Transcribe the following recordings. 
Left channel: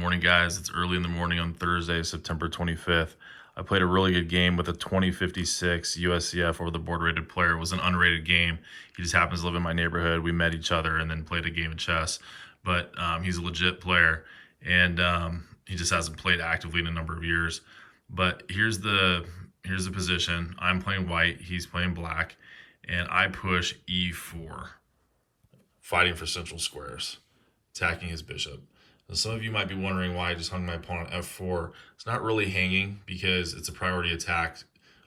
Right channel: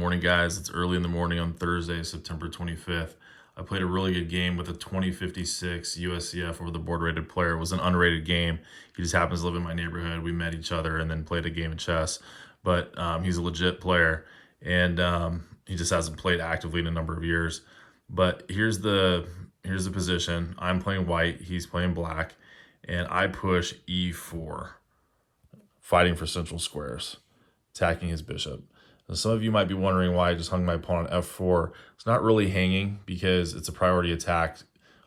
Morning, guys. It's early in the morning on Thursday, September 25th. I played a really good game with a 2056 USCF over the board rated player. It was an unrated game. He just happens to live in my neighborhood. We met each other and then played a game of chess. But he's a legit player, and he just hasn't played actively in a number of years. But here's the position. I'm playing white. He's playing black, and I push E4, fighting for central squares, attacking his bishop. Now, some of you might be wondering why I just hung my pawn on F4. It's not really hanging because it's a priority attack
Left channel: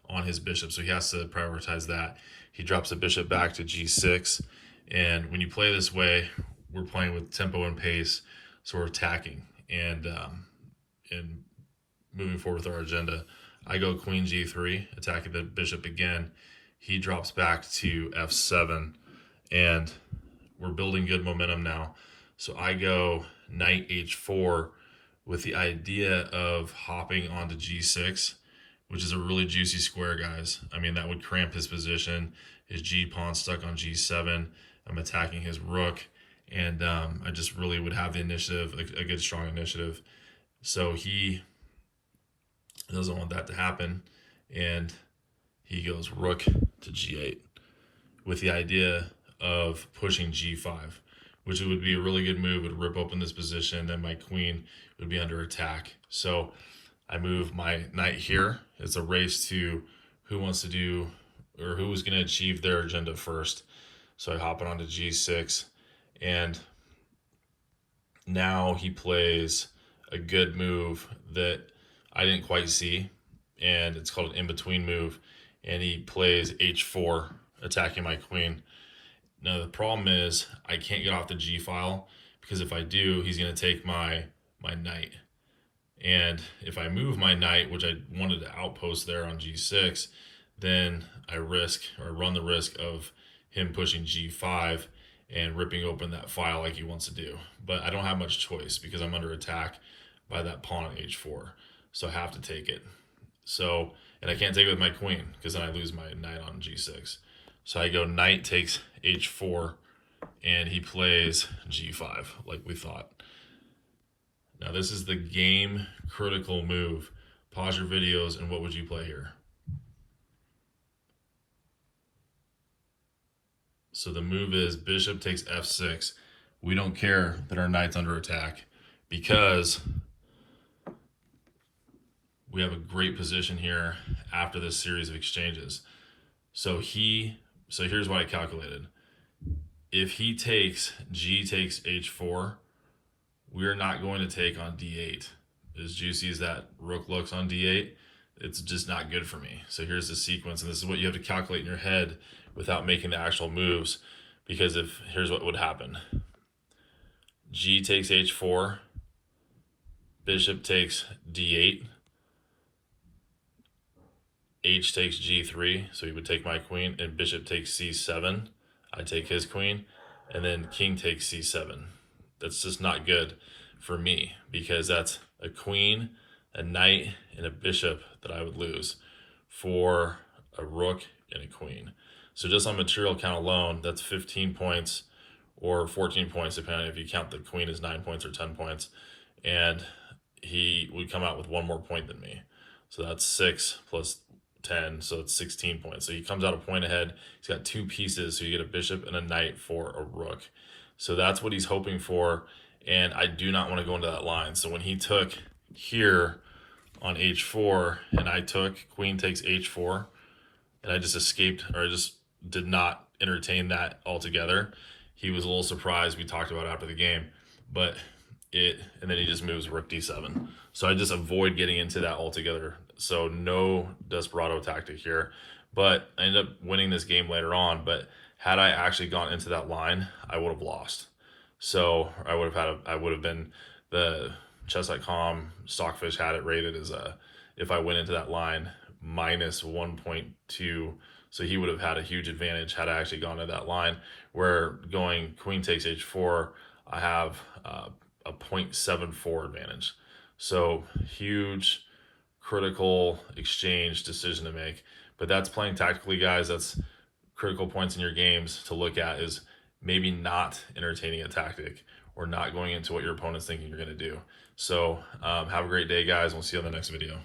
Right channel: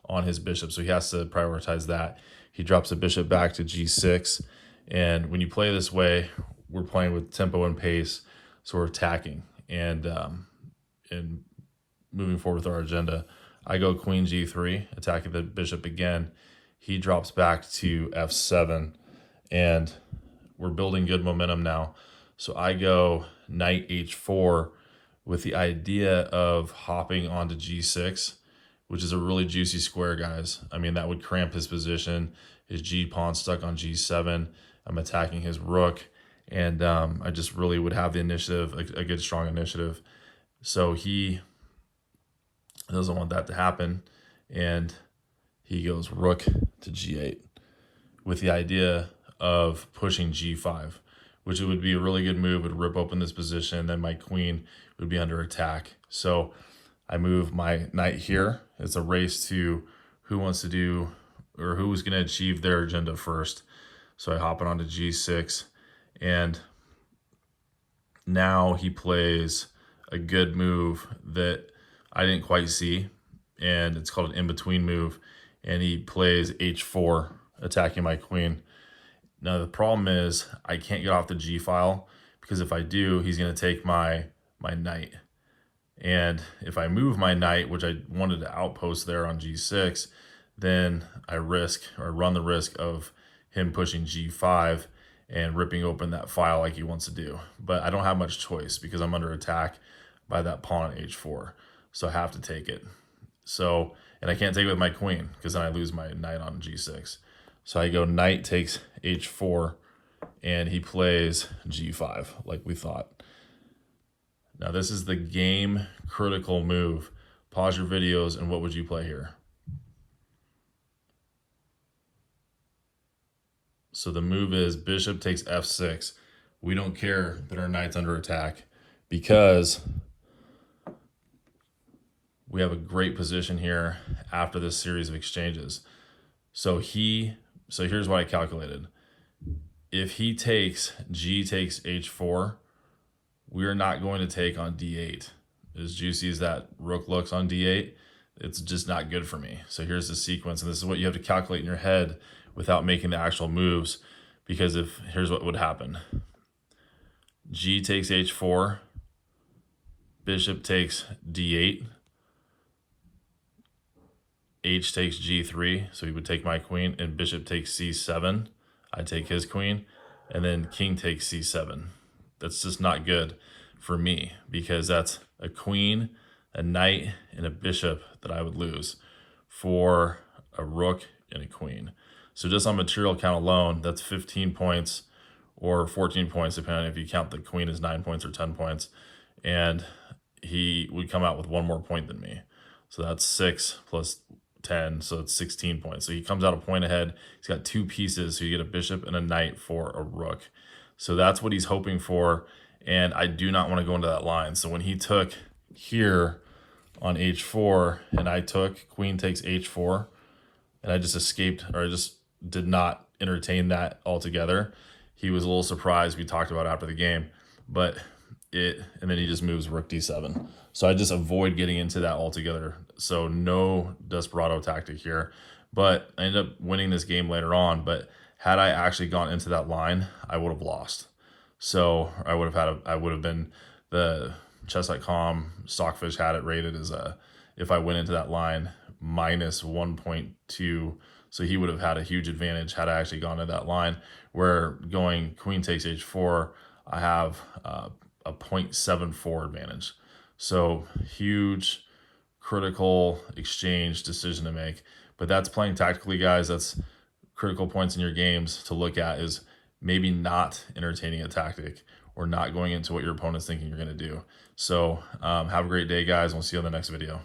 on his bishop, so he has to prioritize that. He drops the bishop back to G6, and when you play this way, we're playing with tempo and pace, so we're attacking and moving forward with our agenda. I go Queen G3, attacking the bishop again. He drops back to F7, and we're building good momentum now. So I go Knight H4 with the idea of hopping onto G6, which is a really juicy square, guys. I mean, that would cramp his position. His G pawn stuck on G7. I'm attacking his rook, and I just really would have the initiative, a good strong initiative. So he doesn't want that to happen, and he goes rook to G8 with the idea of pushing G5, which would be a really good move. It would rip open this position, then my queen would be under attack. So I move my knight here. It's a race to who wants to do, or who is going to achieve their agenda first. So I hop it onto G6, and now he plays a good move that I didn't quite see, and it's called an in-between move, and he plays H4, attacking my queen. Now the problem is I can't get off the G file, because if I do, he's going to take my knight. And if I move my knight, which I wanted to outpost there on G6, then I run the risk of him pushing G5 and ripping open that file like he wants to do. But I don't have much choice because I'm under attack by that pawn on H4. So I have to take it. So, and I can't take it with my queen because then I lose my knight on G6. So I go knight takes H4, and he plays G5 like we thought. Now this is the game critical move. Pause your videos, and what would you play here? So the move is bishop takes F6. We don't care that our knight's under attack because we have a great position here after this series of exchanges. So here's what I calculated. If he takes G takes H4, we're not going to take on D8. As juicy as that rook looks on D8, it's just not good for me. So here's the sequence, and this is what you have to calculate in your head without making the actual moves, because here's what would happen. G takes H4, bishop takes D8, H takes G3, so he would take my queen, and bishop takes C7. I'd take his queen, and then king takes C7. That's just not good for me because that's a queen, a knight, and a bishop that I would lose for a rook and a queen. So just on material count alone, that's 15 points or 14 points, depending on if you count the queen as 9 points or 10 points. And he would come out with one more point than me. So that's 6 plus 10, so it's 16 points. So he comes out a point ahead. He's got two pieces, so you get a bishop and a knight for a rook. So that's what he's hoping for, and I do not want to go into that line. So when he took here on H4, and I took queen takes H4, and I just escaped, or I just did not entertain that altogether. He was a little surprised. We talked about it after the game, and then he just moves rook D7. So I just avoid getting into that altogether. So no Desperado tactic here, but I ended up winning this game later on. But had I actually gone into that line, I would have lost. So I would have been, the chess.com Stockfish had it rated as if I went into that line, minus 1.2. So he would have had a huge advantage had I actually gone into that line. Where going queen takes H4, I have a 0.74 advantage. So huge critical exchange decision to make. But that's playing tactically, guys. That's critical points in your games to look at, is maybe not entertaining a tactic or not going into what your opponent's thinking you're going to do. So have a great day, guys. We'll see you in the next video.